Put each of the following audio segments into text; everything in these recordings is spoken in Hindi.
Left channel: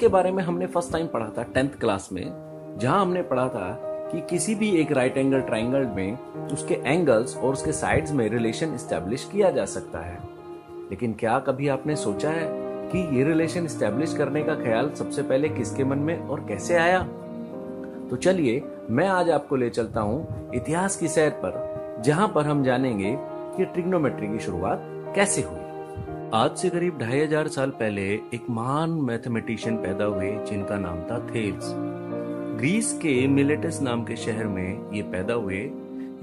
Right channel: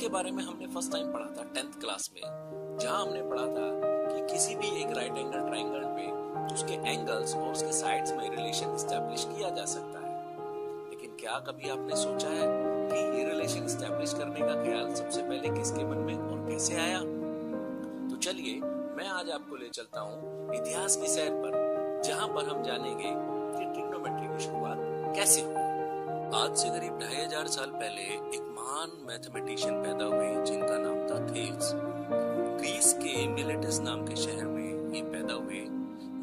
के बारे में हमने फर्स्ट टाइम पढ़ा था 10th क्लास में, जहां हमने पढ़ा था कि किसी भी एक राइट एंगल ट्राइंगल में उसके एंगल्स और उसके साइड्स में रिलेशन एस्टेब्लिश किया जा सकता है। लेकिन क्या कभी आपने सोचा है कि ये रिलेशन एस्टेब्लिश करने का ख्याल सबसे पहले किसके मन में और कैसे आया? तो चलिए मैं आज आपको ले चलता हूँ इतिहास की सैर पर, जहां पर हम जानेंगे कि ट्रिग्नोमेट्री की शुरुआत कैसे हुई। आज से करीब 2500 साल पहले एक महान मैथमेटिशियन पैदा हुए जिनका नाम था थेल्स। ग्रीस के मिलेटस नाम के शहर में ये पैदा हुए।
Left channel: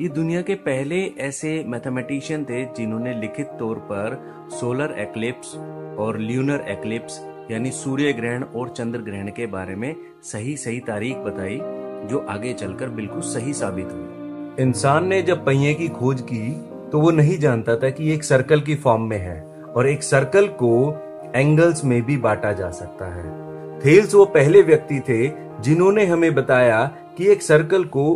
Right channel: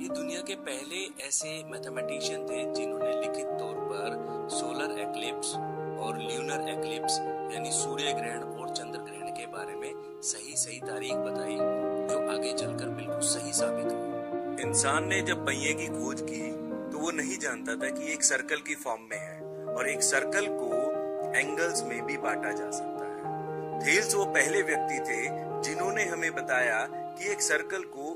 ये दुनिया के पहले ऐसे मैथमेटिशियन थे जिन्होंने लिखित तौर पर सोलर एक्लिप्स और ल्यूनर एक्लिप्स यानी सूर्य ग्रहण और चंद्र ग्रहण के बारे में सही तारीख बताई, जो आगे चलकर बिल्कुल सही साबित हुई। इंसान ने जब पहिए की खोज की तो वो नहीं जानता था कि एक सर्कल की फॉर्म में है और एक सर्कल को एंगल्स में भी बांटा जा सकता है। थेल्स वो पहले व्यक्ति थे जिन्होंने हमें बताया कि एक सर्कल को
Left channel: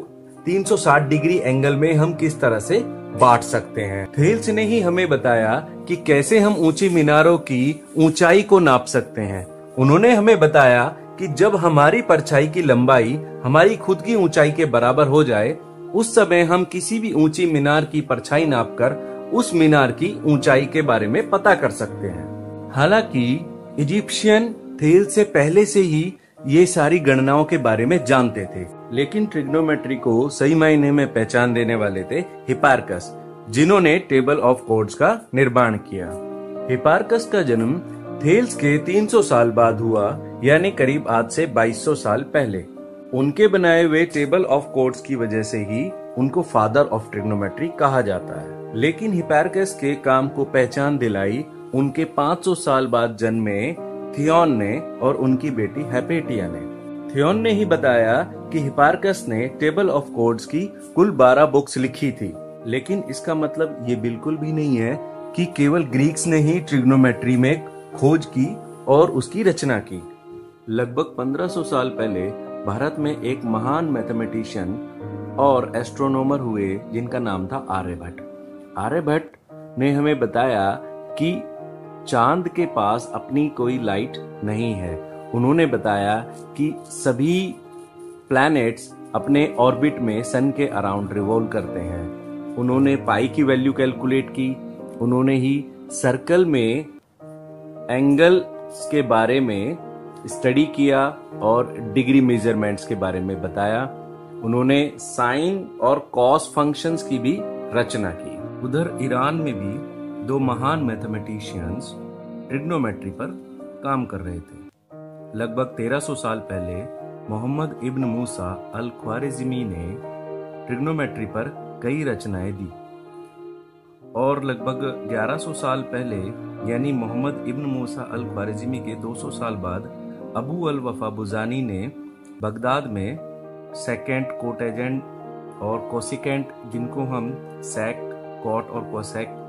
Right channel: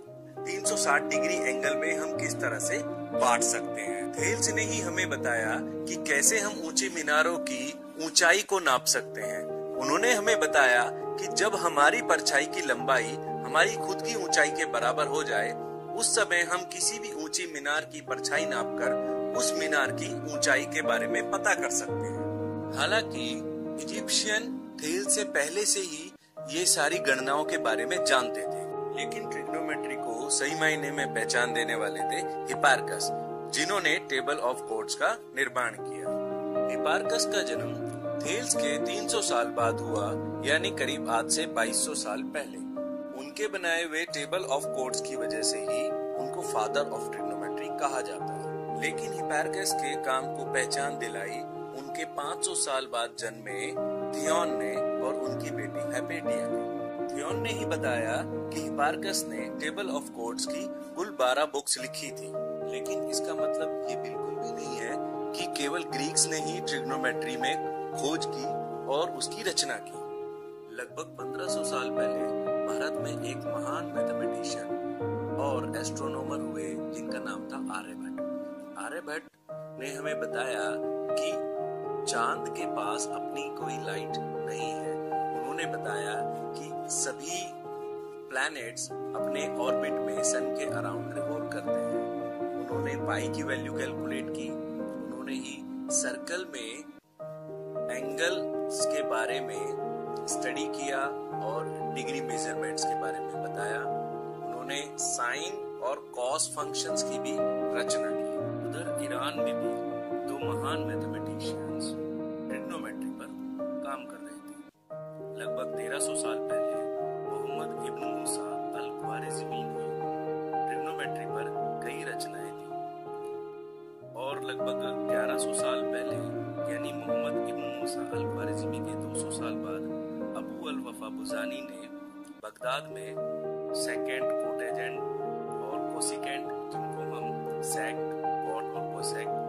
360 डिग्री एंगल में हम किस तरह से बांट सकते हैं। थेल्स ने ही हमें बताया कि कैसे हम ऊंची मीनारों की ऊंचाई को नाप सकते हैं। उन्होंने हमें बताया कि जब हमारी परछाई की लंबाई हमारी खुद की ऊंचाई के बराबर हो जाए, उस समय हम किसी भी ऊंची मीनार की परछाई नापकर उस मीनार की ऊंचाई के बारे में पता कर सकते हैं। हालांकि इजिप्शियन थेल्स से पहले से ही ये सारी गणनाओं के बारे में जानते थे, लेकिन ट्रिग्नोमेट्री को सही मायने में पहचान देने वाले थे हिपार्कस, जिन्होंने टेबल ऑफ कॉर्ड्स का निर्माण किया। हिपार्कस का जन्म थेल्स के 300 साल बाद हुआ, यानी करीब आज से 2200 साल पहले। उनके बनाए हुए टेबल ऑफ कॉर्ड्स की वजह से ही उनको फादर ऑफ ट्रिग्नोमेट्री कहा जाता है। लेकिन हिपार्कस के काम को पहचान दिलाई उनके 500 साल बाद जन्मे थियोन ने और उनकी बेटी हेपेटिया ने। थियोन ने ही बताया कि हिपार्कस ने टेबल ऑफ कॉर्ड्स की कुल 12 बुक्स लिखी थी। लेकिन इसका मतलब ये बिल्कुल भी नहीं है कि केवल ग्रीक्स ने ही ट्रिग्नोमेट्री में खोज की और उसकी रचना की। लगभग 1500 साल पहले भारत में एक महान मैथमेटिशियन और एस्ट्रोनॉमर हुए जिनका नाम था आर्यभट्ट। आर्यभट्ट ने हमें बताया कि चांद के पास अपनी कोई लाइट नहीं है। उन्होंने बताया कि सभी प्लैनेट्स अपने ऑर्बिट में सन के अराउंड रिवॉल्व करते हैं। उन्होंने पाई की वैल्यू कैलकुलेट की। उन्होंने ही सर्कल में एंगल्स के बारे में स्टडी किया और डिग्री मेजरमेंट्स के बारे में बताया। उन्होंने साइन और कॉस फंक्शंस की भी रचना की। उधर ईरान में भी 2 महान मैथमेटिशियंस ट्रिग्नोमेट्री पर काम कर रहे थे। लगभग 1300 साल पहले मोहम्मद इब्न मूसा अल ख्वारिज़मी ने ट्रिग्नोमेट्री पर कई रचनाएं दी और लगभग 1100 साल पहले यानी मोहम्मद इब्न मूसा अल ख्वारिज़मी के 200 साल बाद अबू अल वफा बुजानी ने बगदाद में सेकेंट, कोटेजेंट और कोसिकेंट, जिनको हम सेक्ट, कॉट और कोसेक्ट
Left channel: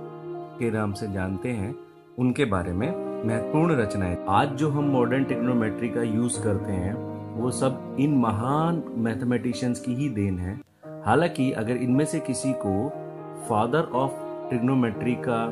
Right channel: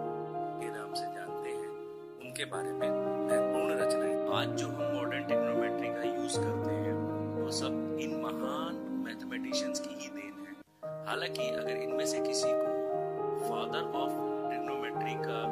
के नाम से जानते हैं, उनके बारे में महत्वपूर्ण रचनाएं। आज जो हम मॉडर्न ट्रिग्नोमेट्री का यूज करते हैं वो सब इन महान मैथमेटिशियंस की ही देन है। हालांकि अगर इनमें से किसी को फादर ऑफ ट्रिग्नोमेट्री का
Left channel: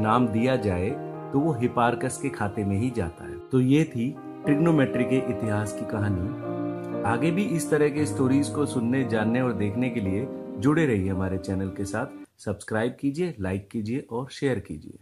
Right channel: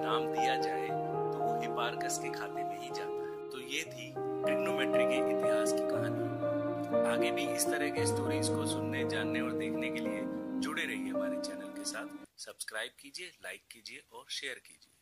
नाम दिया जाए तो वो हिपार्कस के खाते में ही जाता है। तो ये थी ट्रिग्नोमेट्री के इतिहास की कहानी। आगे भी इस तरह के स्टोरीज को सुनने, जानने और देखने के लिए जुड़े रहिए हमारे चैनल के साथ। सब्सक्राइब कीजिए, लाइक कीजिए और शेयर कीजिए।